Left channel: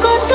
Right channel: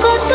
こと